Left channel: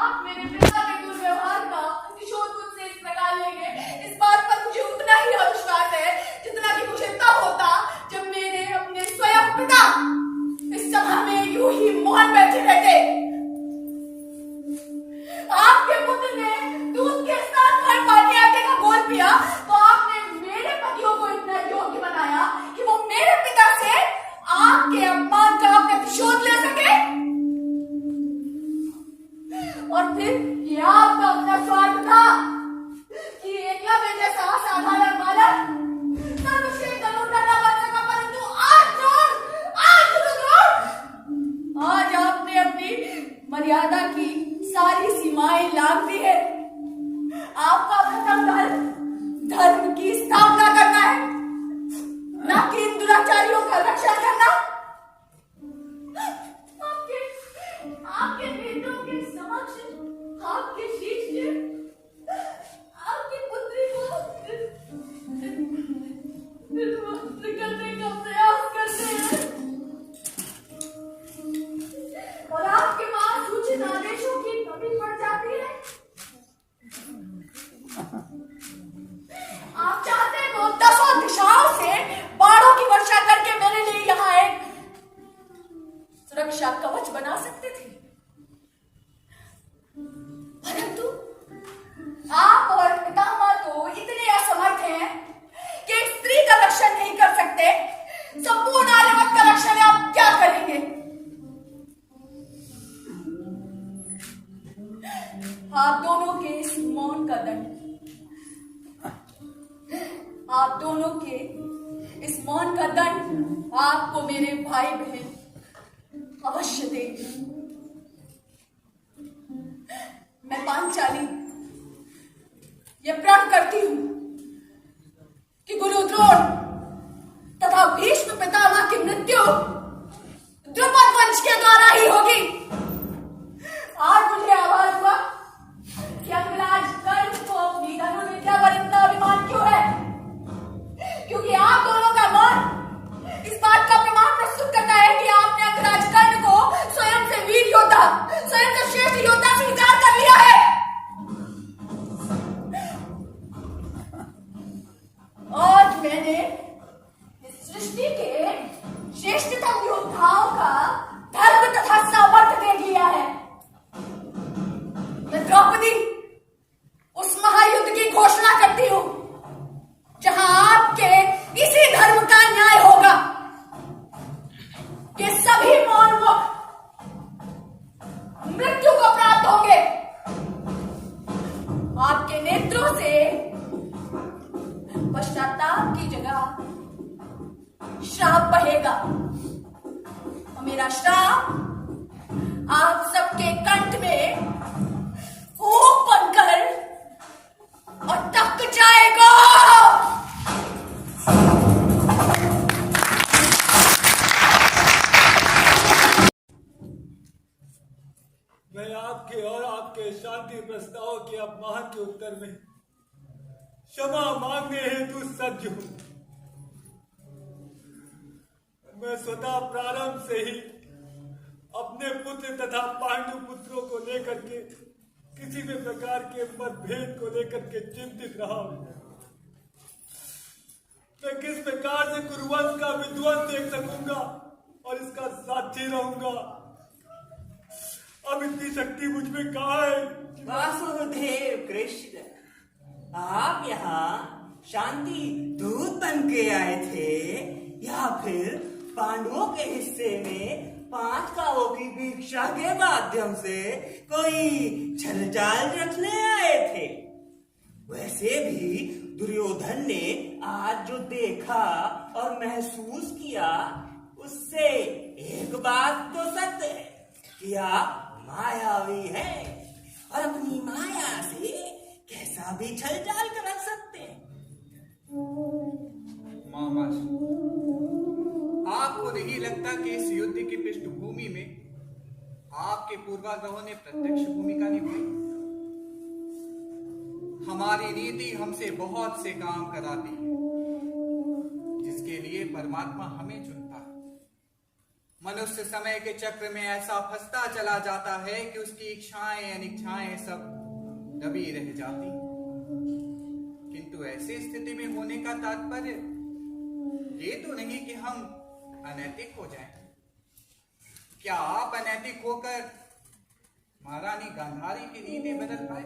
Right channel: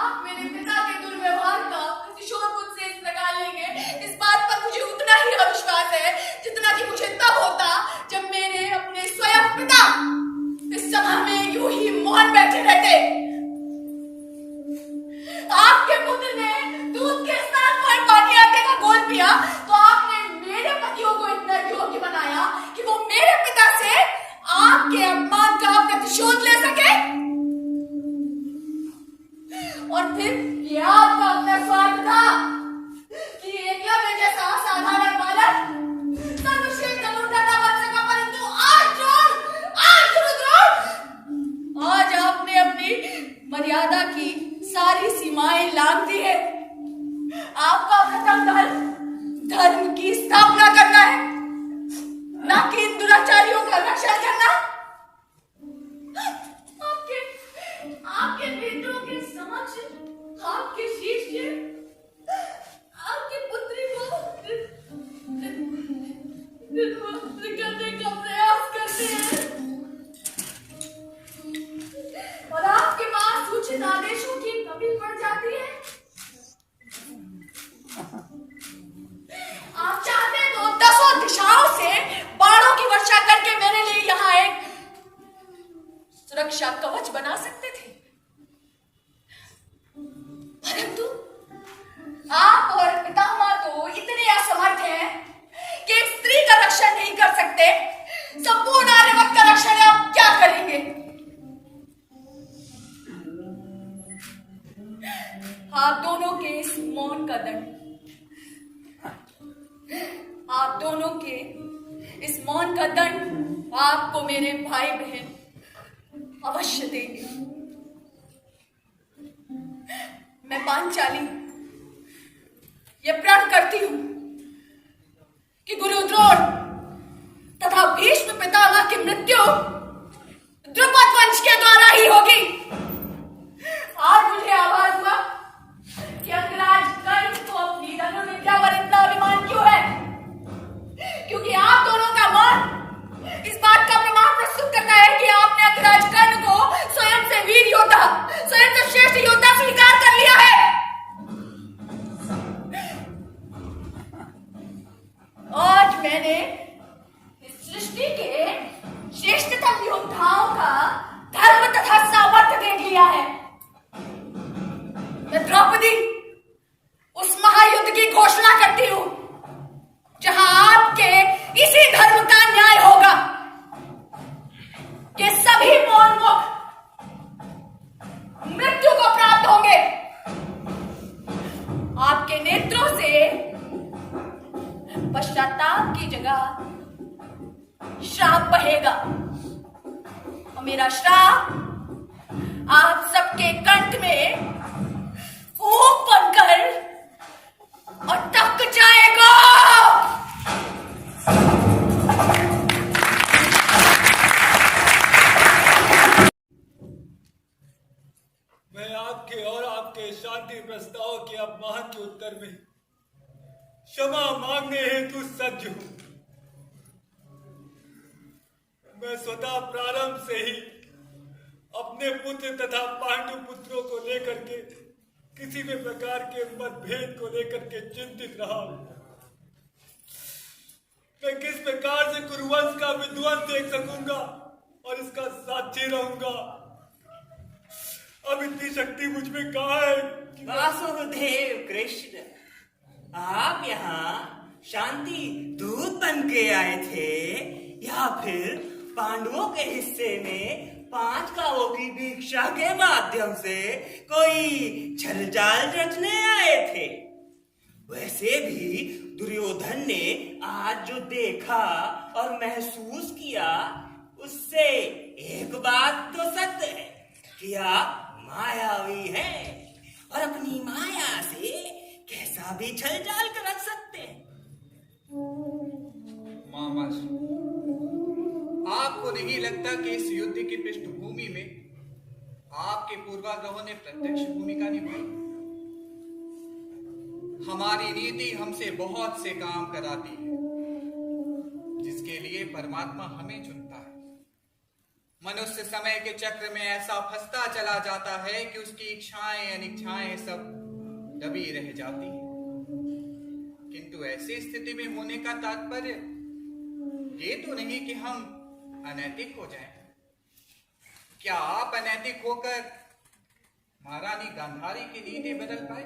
आप मेरे पिता के दुर्व्यवहार का प्रतिशोध मुझसे इस प्रकार लेंगे, इस बात पर मुझे उतना ही अविश्वास है जितना कि मुझे तब होता जब मेरे अपने स्वयं पिता इस सभा में यूं ही मौन बैठे रहते। आपके पुत्र ने दूध के साथ फल पानी आटे का घोल पिया तो आपने मेरे पतियों को इतना योग्य बनाया कि वो मेरे पिता से आपके अपमान का प्रतिशोध ले सके। और फिर यह आपका अपना स्वार्थ था कि एकलव्य जैसा असाधारण बालक सर्वश्रेष्ठ धनुर्धर बन सका, परंतु आज रुद्र, आज आपने अपनी मर्यादा की सारी सीमाएं लांघ दी है। आपका प्रथम धर्म की स्थापना करना है, न कि इन दुराचारियों का रक्षण करना। आपके नेत्रों के समक्ष आपके शिष्य आपकी पुत्री को निर्वस्त्र करने का प्रयास करते हैं और आपके पास उचित आदेशों की कमी पड़ जाती है। आप चाहते तो 10 दिशाओं से बाणों की वर्षा करके मेरे लिए यहाँ एक सुरक्षा कवच बना सकते थे, परंतु आप और पितामह तो इतने असमर्थ हैं कि एक स्त्री का रक्षण नहीं कर सकते, संपूर्ण आर्यवत का रक्षण आप क्या करेंगे? आप दोनों के इस मौन का दंड, आप दोनों के इस मौन का दंड आपको मेरे भाई बहन अवश्य देंगे। मैं पांचाली ये प्रण करती हूं कि गुरु द्रोण तथा भीष्म पितामह की मृत्यु द्रुपद वंश के द्वारा ही होगी। आज मुझे आभास हुआ कि अंगराज कर्ण को अपनी धनुर्विद्या पर इतना अभिमान क्यों है, क्योंकि आप दोनों का मौन इस बात का प्रमाण प्रस्तुत करता है कि आपने अंगराज कर्ण को स्वयं से वीर योद्धा, स्वयं से श्रेष्ठ योद्धा स्वीकार कर लिया है। आज मैंने इस सृष्टि के श्रेष्ठतम योद्धाओं का धर्म तथा सामर्थ्य देख लिया है। मैं द्रौपदी उस महायुद्ध की घोषणा करती हूं जहां आपके इसी धर्म का न्याय होगा कि सभी मौनमुख मृत्यु को प्राप्त होंगे। आपके नेत्रों से पश्चाताप की जगह श्राप बहेगा और मेरा श्राप आप सबके कंठ में फूंक बनकर अटक जाएगा। मैं आपके और आपके शांति प्रस्ताव के अपमान के उत्तर में क्षमा मांगने हेतु सज्ज हूं। मैं स्वतः प्रारंभ से ही अपने पुत्र तथा पांडु पुत्रों को लेकर के किसी भी प्रकार के मतभेद को लेकर के चिंतित रहा हूं। मैं किस प्रकार से कुरुवंश का विध्वंस देख सकूंगा और इसका साक्षी रहूंगा। अब इतनी शक्ति मुझ में कहाँ है? वासुदेव कृष्ण, आप यहाँ शांति दूत बन के आए थे या फिर पांडवों के हिस्से में 5 गांवों की भिक्षा के माध्यम से कोई छलचाल रचने आए थे? वैसे भी दुर्योधन ने आज जो देखा और महसूस किया उससे एक बात तो सत्य है कि आप मायावी हैं और अपनी माया से कैसा भी छलचाल कर रख सकते हैं। मामा जी, आपको नहीं लगता कि इस युद्ध की पृष्ठभूमि में आपके पूर्वाग्रहों ने प्रत्यक्ष भूमिका निभाई? हमारी नीति हमसे बहुत से काम कराती है जिसके लिए परमात्मा हमें चुनता है। मनुष्य समय के चक्र में ऐसा फंसता चला जाता है कि उसकी इच्छाएं अनिच्छाएं सब दबी रह जाती हैं। किंतु ऐसी स्थिति में होने का तात्पर्य ये तो नहीं कि हम अनैतिक हो जाएं। क्या आप अनैतिक होकर महारानी गांधारी की नीति बदल पाए?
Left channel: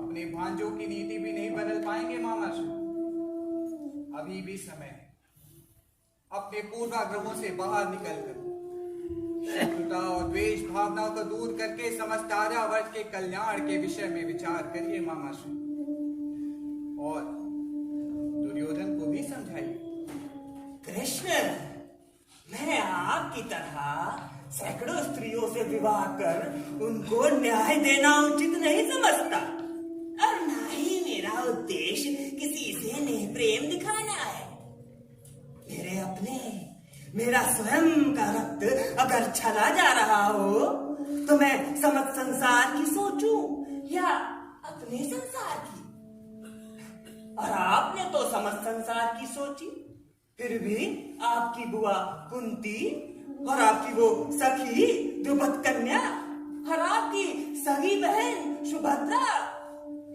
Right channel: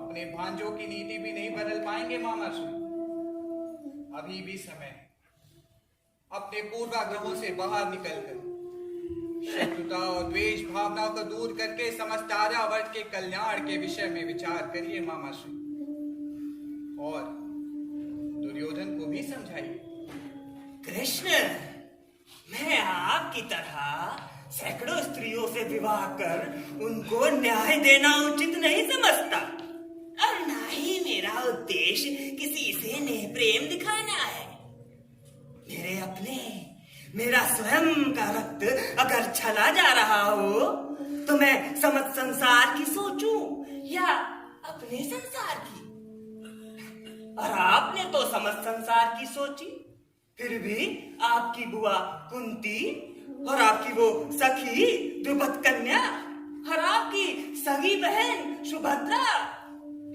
अपने भांजों की नीति भी नहीं बदल पाएंगे मामाश्री। अभी भी समय है। अपने पूर्वाग्रहों से बाहर निकलकर शत्रुता और द्वेष भावनाओं को दूर करके समस्त आर्यावर्त के कल्याण के विषय में विचार करिए मामाश्री, और दुर्योधन को भी समझाइए। कृष्ण, मैं आपकी तरह सैकड़ों स्त्रियों से विवाह कर उनको न्याय देना उचित नहीं समझता, और ना ही मेरा उद्देश्य किसी से नेह प्रेम दिखाना है। मेरा स्वयं का रक्त अगर चला जा रहा हो तो मैं समस्त संसार की सोचूं या अपने संसार की? और आपने तो समस्त संसार की सोची, फिर भी आपकी बुआ कुंती और आपकी वो सखी द्रुपद कन्या और आपकी सगी बहन सुभद्रा,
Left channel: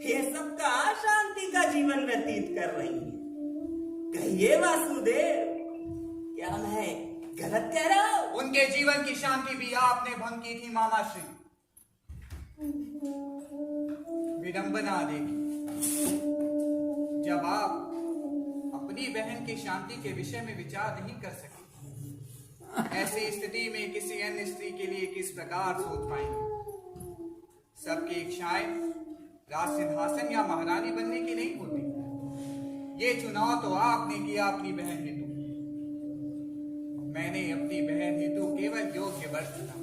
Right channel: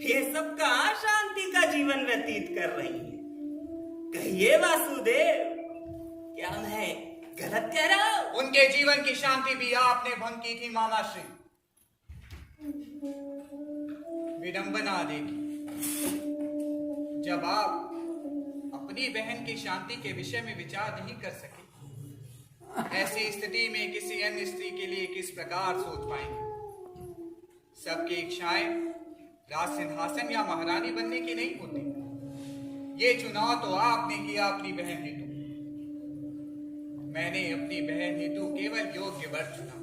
ये सब कहाँ शांति का जीवन व्यतीत कर रही है? कहिए वासुदेव, क्या मैं गलत कह रहा हूं? उनके जीवन की शांति भी आपने भंग की थी मामाश्री। विडंबना देखी, जब आप अपनी बहन की शांति के विषय में विचार नहीं कर सके, ऐसी स्थिति में किसी अन्य स्त्री के लिए किस प्रकार सोच पाएंगे? सबकी इच्छाएं राज सिंहासन या महारानी बनने की नहीं होती। ये चुनाव तो आपने किया अपनी बहन हेतु। मैंने अपनी बहन हेतु केवल योग्य वर चुना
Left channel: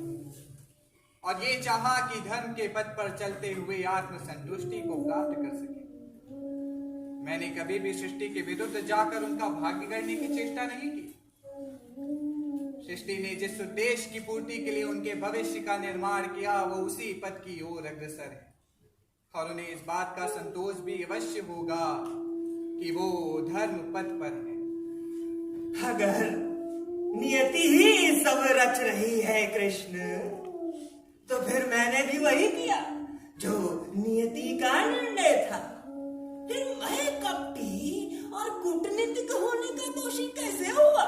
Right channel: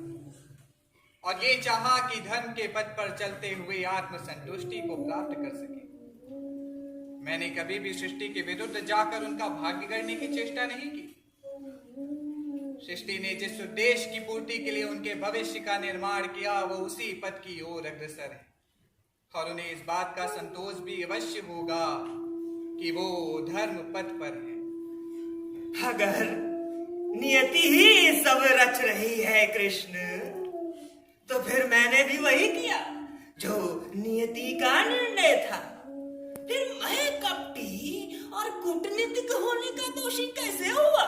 और ये चाहा कि धर्म के पथ पर चलते हुए आत्मसंतुष्टि को प्राप्त कर सके। मैंने कभी भी सृष्टि के विरुद्ध जाकर उनका भाग्य करने की चेष्टा नहीं की। सृष्टि ने जिस उद्देश्य की पूर्ति के लिए उनके भविष्य का निर्माण किया, वो उसी पथ की ओर अग्रसर है, और उन्हें इस बात का संतोष भी अवश्य होगा कि वो धर्म पथ पर है। अगर नियति ही सब रच रही है कृष्ण, तो फिर मैंने भी वही किया जो नियति का निर्णय था। फिर मैं कपटी और कूटनीतिक होने का दोषी कैसे हुआ?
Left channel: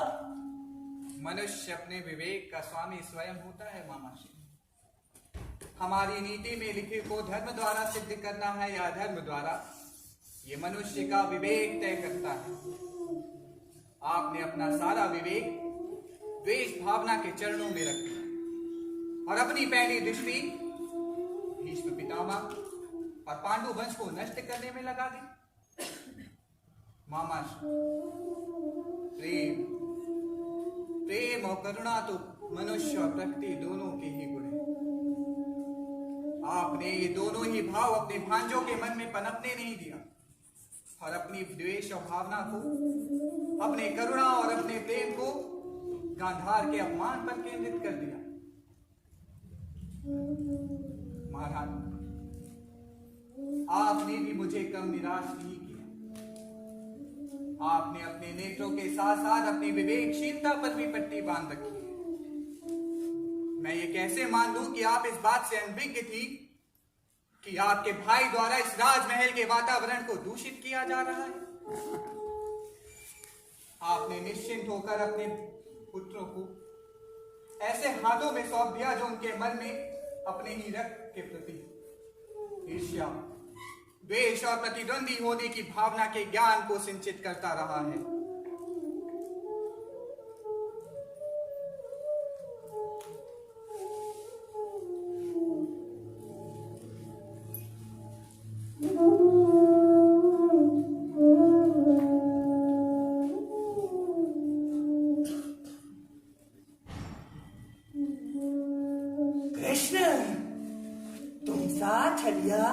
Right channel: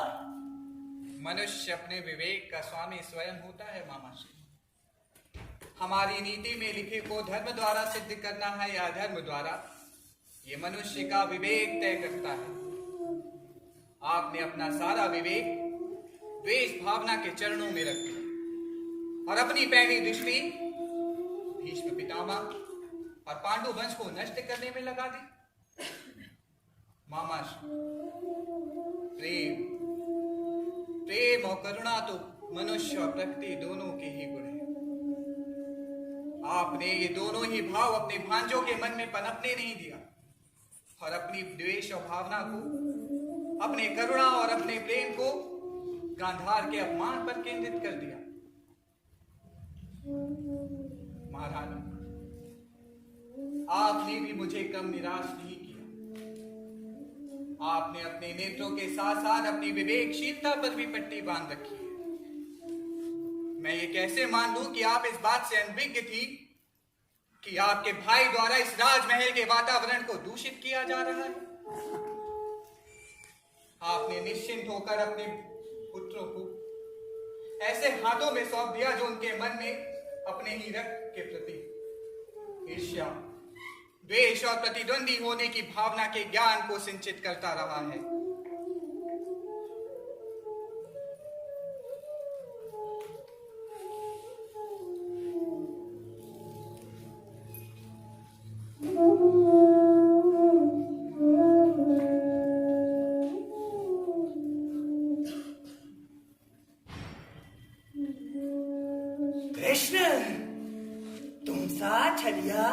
मनुष्य अपने विवेक का स्वामी स्वयं होता है मामाश्री। हमारी नीति में लिखे को धर्म द्वारा सिद्ध करना है या धर्म द्वारा, ये मनुष्य का विवेक तय करता है। आपने अपना सारा विवेक द्वेष भावना के चरणों में रख दिया और अपनी पहली दृष्टि भीष्म पितामह और पांडु वंश को नष्ट करने में लगा दी। मामाश्री, प्रेम और करुणा तो मनुष्य और प्रकृति दोनों के ही गुण हैं। आपने ये दोनों ही भाव अपने भांजों के मन में पनपने नहीं दिया और अपनी द्वेष और भावना को, अपने करुणा और अपने प्रेम को गांधार के अपमान पर केंद्रित कर दिया। महारानी, आपने भी मुझे कम निराश नहीं किया। आपने अपने नेत्रों के साथ साथ अपनी विवेकशीलता पर भी पट्टी बांध रखी है। मैं ये कैसे मान लूं कि आप इस बात से अनभिज्ञ थी कि आपके भाई द्वारा इस राजमहल के वातावरण को दूषित किया जा रहा है? आपने निश्चिंत होकर अपने पुत्रों को ऐसे हाथों में सौंप दिया जो उनके मन में अपने ही रक्त के प्रति ईर्ष्या, द्वेष और प्रतिद्वंदी होने की भावना के ज्ञान को सिंचित करता रहा है। कृष्ण, तुम सा छलिया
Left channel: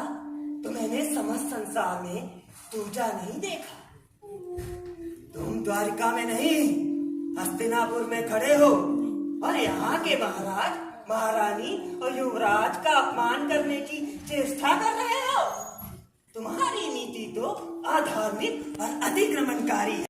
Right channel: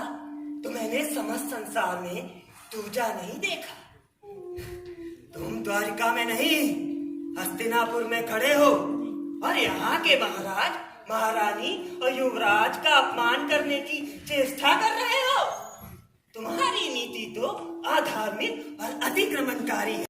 तो मैंने समस्त संसार में दूजा नहीं देखा। तुम द्वारिका में नहीं, हस्तिनापुर में खड़े हो और यहाँ के महाराज, महारानी और युवराज का अपमान करने की चेष्टा कर रहे हो। तुम्हारी नीति तो अधार्मिक और अतिक्रमणकारी है।